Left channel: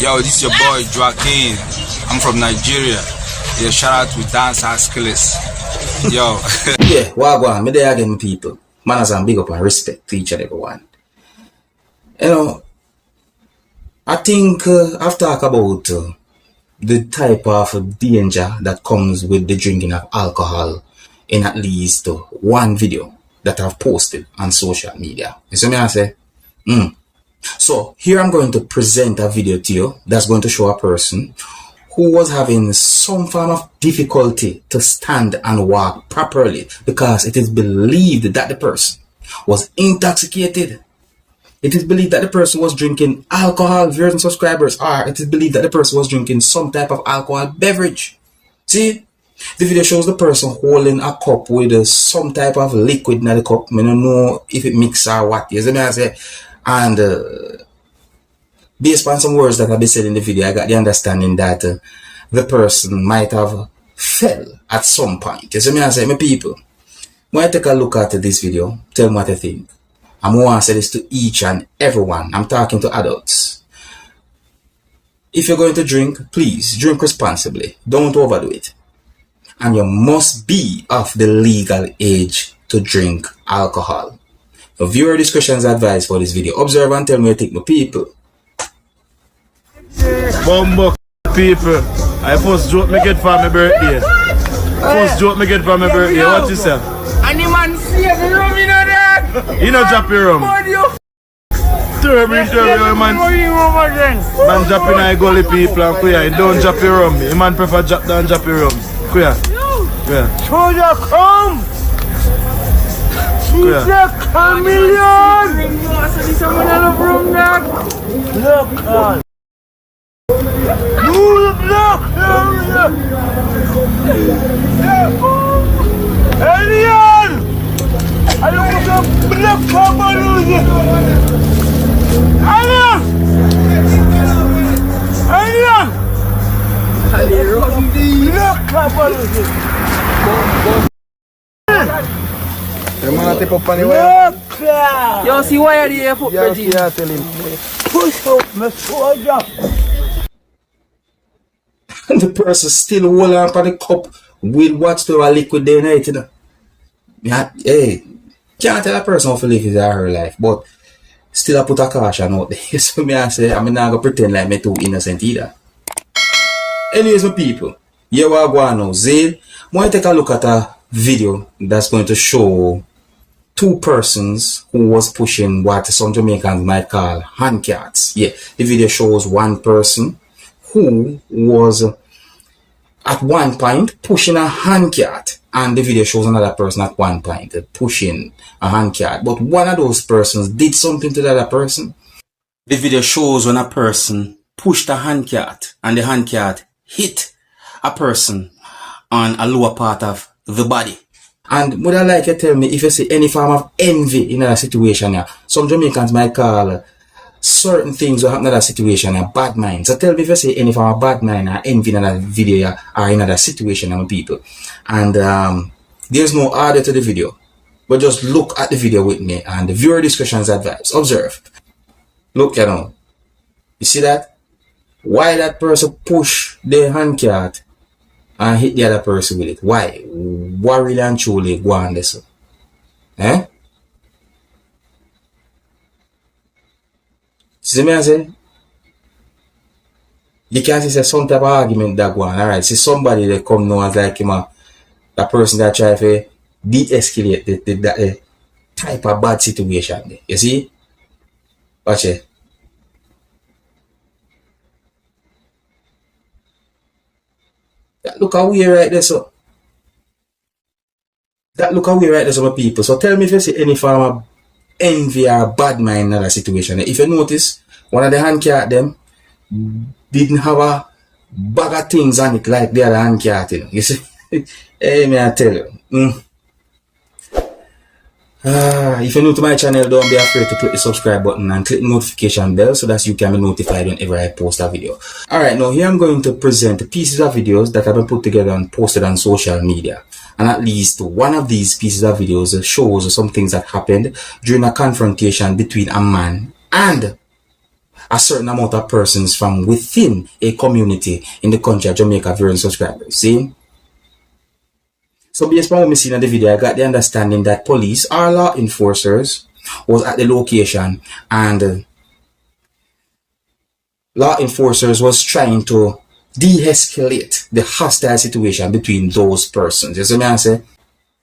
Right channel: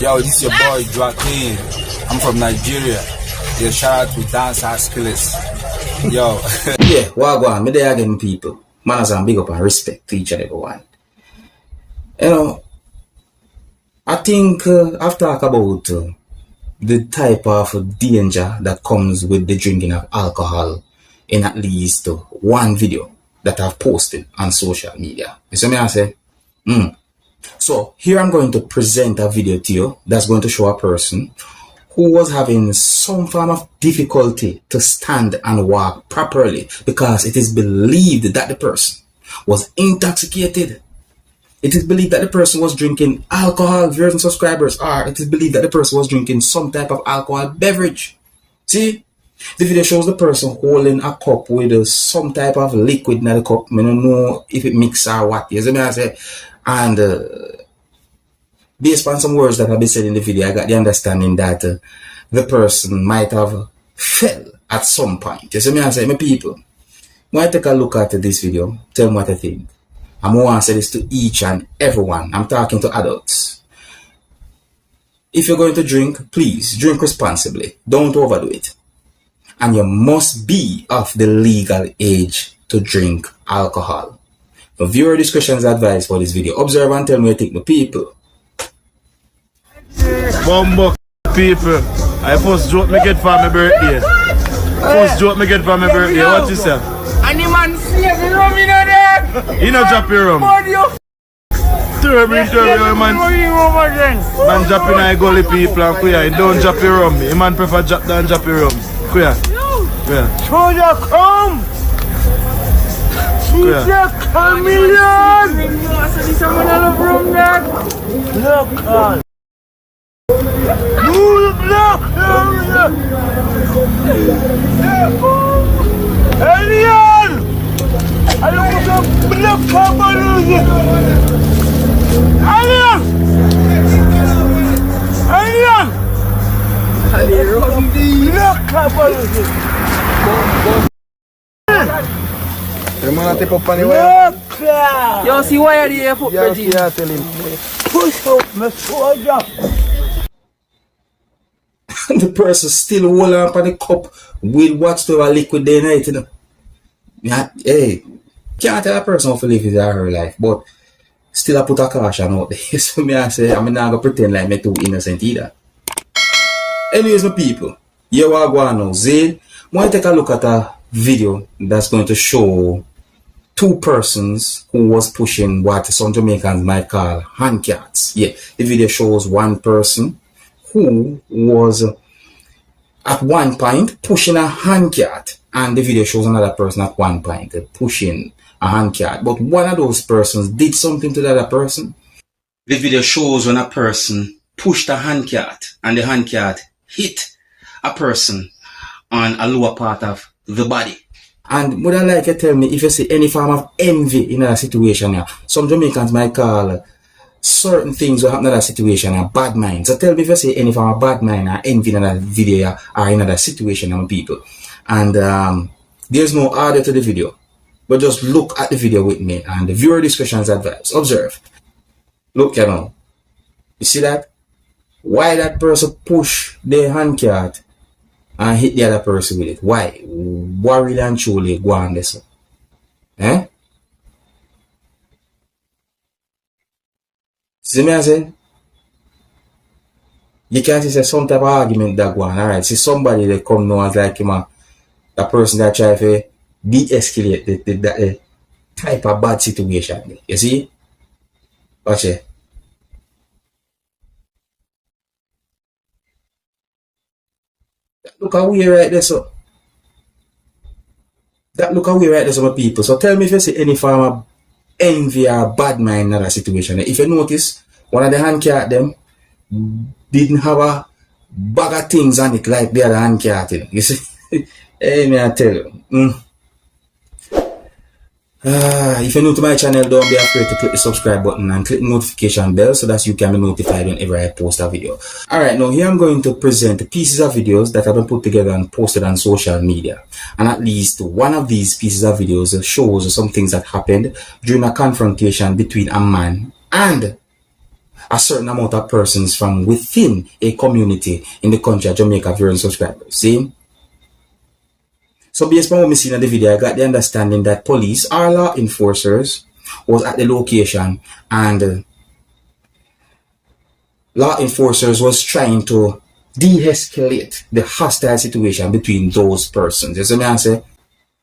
Yo, this is your boy Joaquin. I'm from Nigeria. Yeah, shout out to Dancehall skillas. Yo. Yeah, wagwan, me there again, people. Manners and big up and respect to each and everyone. You know, I think I've talked about the type of danger that comes with the drinking of alcohol in at least one video that I've posted on social media. You see me I say? So here I'm going to present a video to you that's going to show a person who was having some form of difficulty to stand and walk properly because it is believed that the person was intoxicated. It is believed that the person was drinking alcohol, viewers and subscribers, or it is believed that the person was drinking some type of alcohol beverage. See? The video shows the person holding a cup with some type of liquid in the cup. I don't know if it mixed or what. You see me I say? And based on some words that have been said in the video, I got the understanding that the person might have fell at some point. You see me I say? My people, when I take a look at this video, tell me what you think. I'm going to say this to each and everyone. I'm talking to adults. If you're going to drink, please drink responsibly. Don't overdo it. And you must be of the legal age to drink alcohol. For viewer discretion is advised for this video. Observe and tell me what you think, my people. Bumbo people, I first joke me get for my birthday. First joke me get for my birthday. What you say? And the man says the rum in there. You know drop your rum. Turbo, man. Man drop in a gully people and queer. You don't drop your rum. The man prefer drop than drop your rum. Queer. Soldier come. She's a chameleon. Look on. Move look. Alien. I don't want to block up on you. Alien. Block up on you. Yo, see why are you here for push up my soldier. And the person still hold on for the cup with whatsoever liquid they need, you know. Hey, can't tell a person how to live his or her life, but still I put a caution out there. So me I say, I'm not going to pretend like me too innocent either. Anyways, my people, here we are going now. Zay, I want to take a look at a video that's going to show two persons who was pushing what some Jamaicans might call hand carts. Yeah, the video shows one person who was at one point pushing a hand cart, and the video shows another person at one point pushing a hand cart, but one of those persons did something to the other person. The video shows when a person pushed a hand cart and the hand cart hit a person on a lower part of the body. And would I like you to tell me if you see any form of envy in a situation here? Some Jamaicans might call certain things that happen in that situation a bad mind. So tell me if you see any form of bad mind or envy in that video or in that situation, my people. And there's no order to the video, but just look at the video with me and the viewer discretion is advised. Observe. Look, you know. You see that? Why that person push the hand cart and hit the other person with it? Why? What really and truly go on this? Eh? See me I say? You can't see some type of argument that go on. Alright, see somebody that come now as like him a person that try to de-escalate the type of bad situation. You see? Watch it. That look away right there, so. That look away right there, some people. So tell me if you see any form of envy or bad mind in that situation. If you notice, one of the hand cart them didn't have a bag of things on it like the other hand cart. You see? Hey, me I tell you. If you're new to my channel, don't be afraid to click the subscribe button and click the notification bell so that you can be notified whenever I post a video. Alright, now here I'm going to present pieces of videos that have been put together and posted on social media. And at least one of these pieces of videos shows some things that happened during a confrontation between a man and a certain amount of persons from within a community in the country of Jamaica viewing subscribers. See? So based on what we see in the video, I got the understanding that police or law enforcers was at the location, and law enforcers was trying to de-escalate the hostile situation between those persons. You see me I say?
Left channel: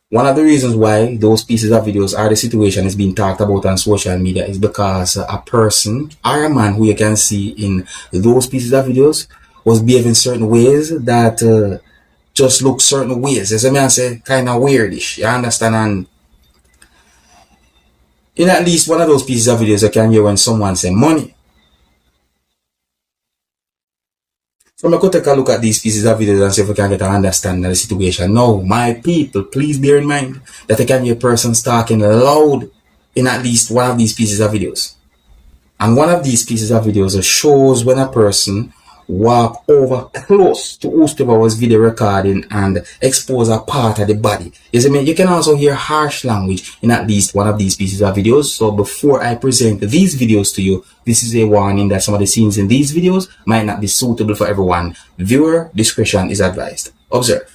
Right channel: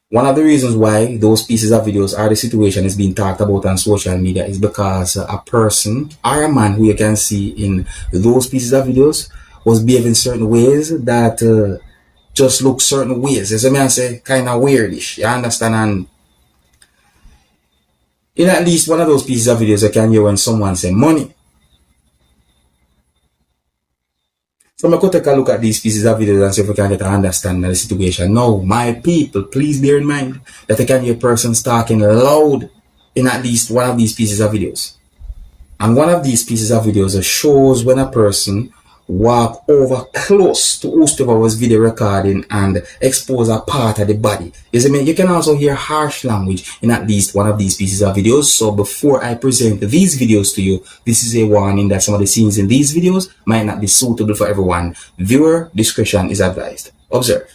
One of the reasons why those pieces of videos or the situation is being talked about on social media is because a person or a man who you can see in those pieces of videos was behaving certain ways that just look certain ways. You see me I say? Kind of weirdish. You understand? And in at least one of those pieces of videos, you can hear when someone say money. So I could take a look at these pieces of videos and see if we can get an understanding of the situation. Now, my people, please bear in mind that you can hear persons talking loud in at least one of these pieces of videos. And one of these pieces of videos shows when a person walk over close to whoever was video recording and expose a part of the body. You can also hear harsh language in at least one of these pieces of videos. So before I present these videos to you, this is a warning that some of the scenes in these videos might not be suitable for everyone. Viewer discretion is advised. Observe.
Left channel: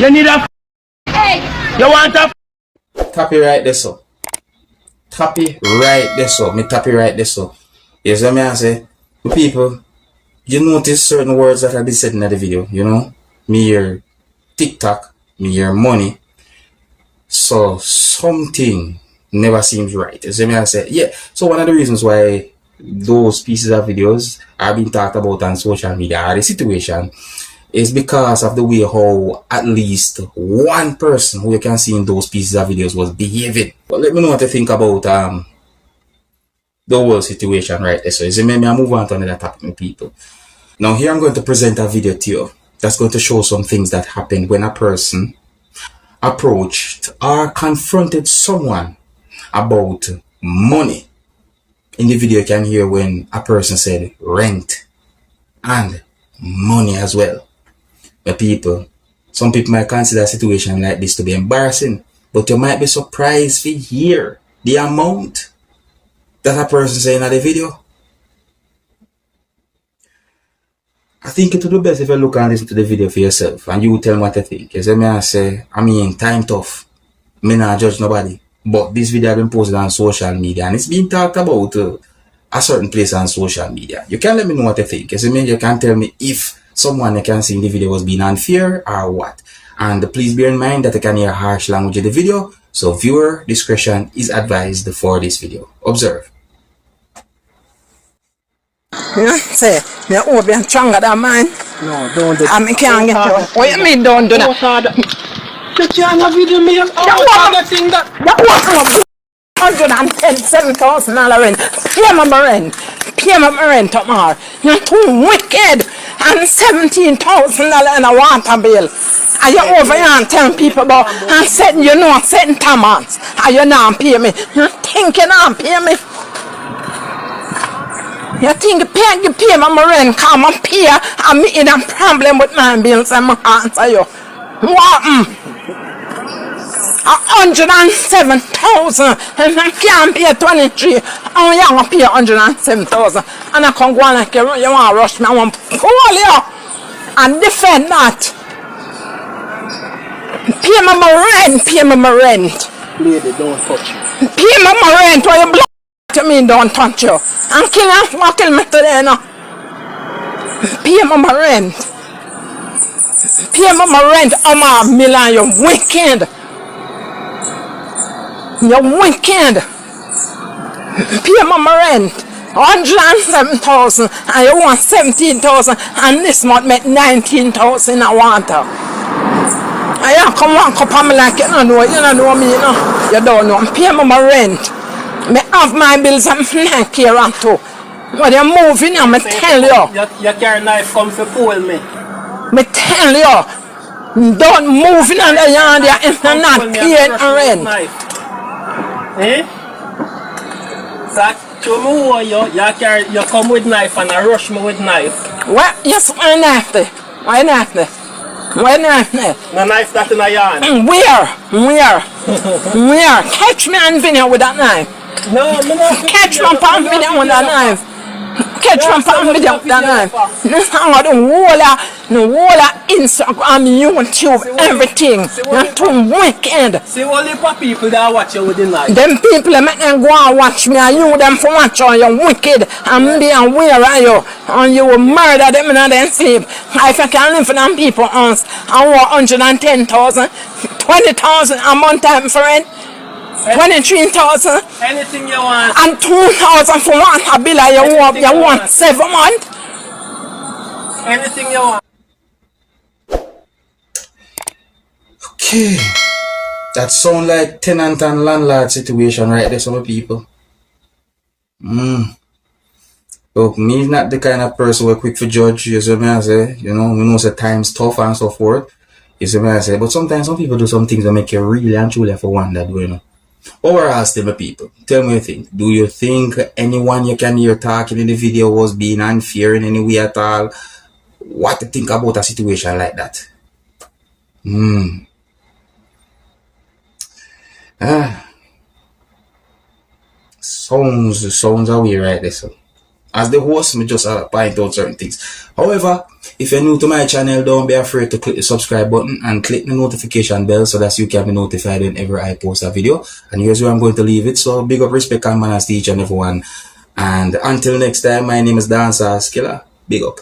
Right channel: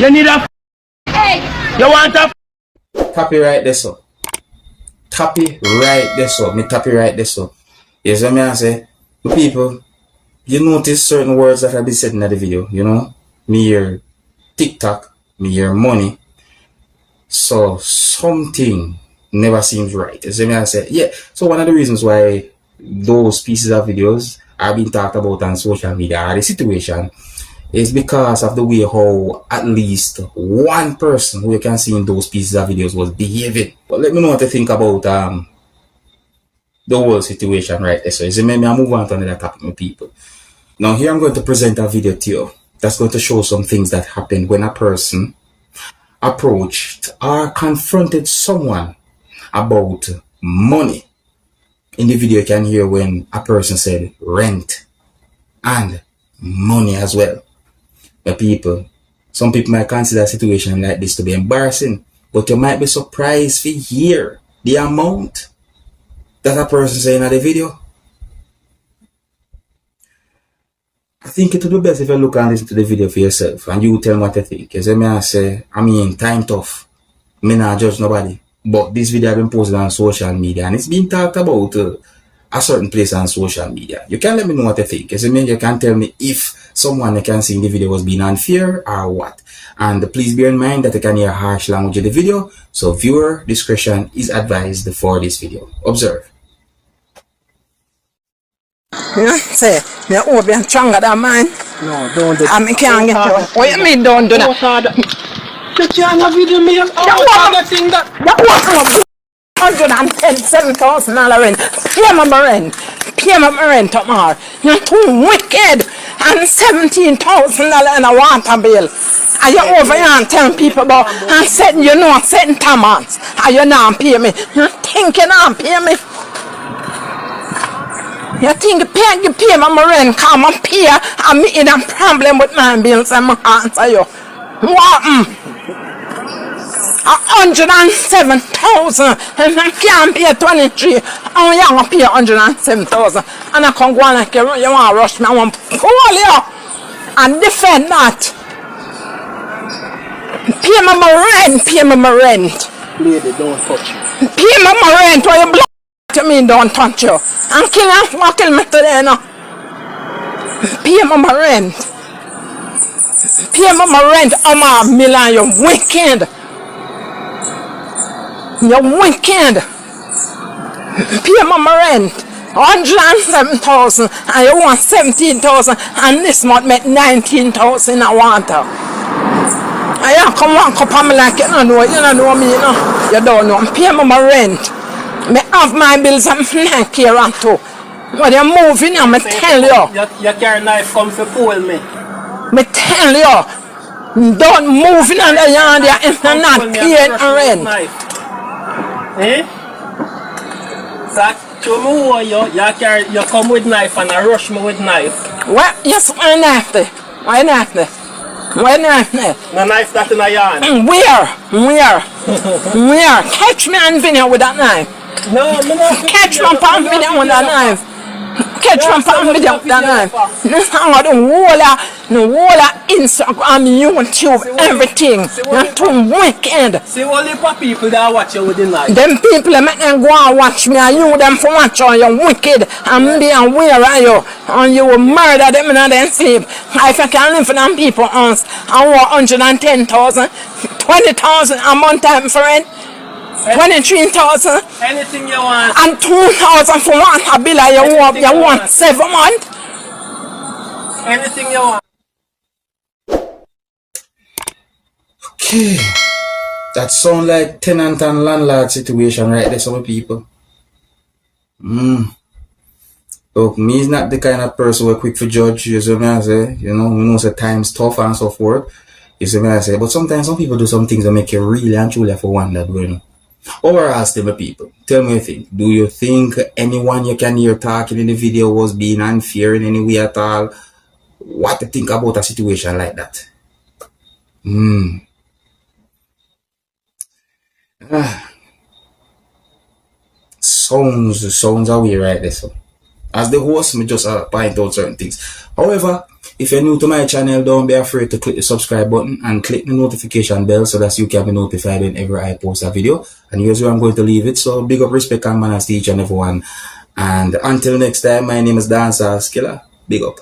You need a hey. You want a Tap it right this up. Tap it right this up. Me tap it right this up. Yes, what me I say? People, you notice certain words that I be said in the video, you know? Me hear TikTok, me hear money. So something never seems right. You see me I say? Yeah. So one of the reasons why those pieces of videos are being talked about on social media or the situation is because of the way how at least one person who you can see in those pieces of videos was behaving. But let me know what you think about the whole situation right there. So you see, maybe I move on to another topic, my people. Now here I'm going to present a video to you that's going to show some things that happened when a person approached or confronted someone about money. In the video you can hear when a person said rent and money as well. My people, some people might consider a situation like this to be embarrassing, but you might be surprised to hear the amount that a person saying in the video. I think it would be best if you look and listen to the video for yourself and you tell me what you think. As I say, time tough. Me not judge nobody. But this video has been posted on social media and it's been talked about a certain place on social media. You can let me know what you think. You can tell me if someone you can see in the video was being unfair or what. And please bear in mind that you can hear harsh language in the video, so viewer discretion is advised for this video. Observe. Yeah, say, me hope you're stronger than mine. no, don't do I can't get you. What you mean don't do that? You can't have video me. That thing that 110,700 rent. Pay my rent. Pay my rent tomorrow. You're too wicked. And $17,000 in a water bill. And you over here and telling people about and setting you know setting Thomas. And you not pay me. You think you not pay me? You think you pay my rent? Come and pay. I'm in a problem with my bills and my answer you. What? 107,000 and I can't pay 23. I'm gonna pay 107,000 and I can't go on like you want to rush me. I want to pull you and defend that. Pay me my rent, pay me my rent. Lady, don't touch you. Pay me my rent or you block to me, don't touch you. And kill me today now. Pay me my rent. Pay me my rent, I'm a million, you wicked. You're wicked. Pay my rent. 107,000 and you want 17,000 and this month make 19,000 in a water. And you come one cup of me like you don't know me, you know. You don't know. I pay my rent. I have my bills and I care on too. When you're moving, I tell you. You carry knife come to pull me. I tell you. Don't move in the yard if you're not paying rent. Eh? So, show me who you come with knife and I rush me with knife. What? Yes, why knife there? Why knife there? Why knife there? No knife that in a yard. Where? Catch me and video with that knife. No, Catch me and video with that knife. Catch me and video with that knife. This is how the whole Instagram, YouTube, everything. You're too wicked. See all the people that watch you with the knife. Them people that make them go and watch me and you them for watch you, you're wicked and be aware of you and you will murder them in their sleep. If you can live for them people and want 110,000, 20,000 a month time for rent, 23,000 anything you want. and 2,000 for one a bill you want 7 months. Anything you want. Okay. That sound like tenant and landlord situation right there, some people. Look, me is not the kind of person who are quick to judge, you see what I say? You know, we know the time's tough and so forth. You see what I say? But sometimes some people do some things that make you really and truly for wonder, you know. Overall, still my people, tell me what you think. Do you think anyone you can hear talking in the video was being unfair in any way at all? What to think about a situation like that? Sounds away right there. So, as the host, me just point out certain things. However, if you're new to my channel, don't be afraid to click the subscribe button and click the notification bell so that you can be notified whenever I post a video. And here's where I'm going to leave it. So big up, respect, and manners to each and everyone. And until next time, my name is Dancehall Skilla. Big up.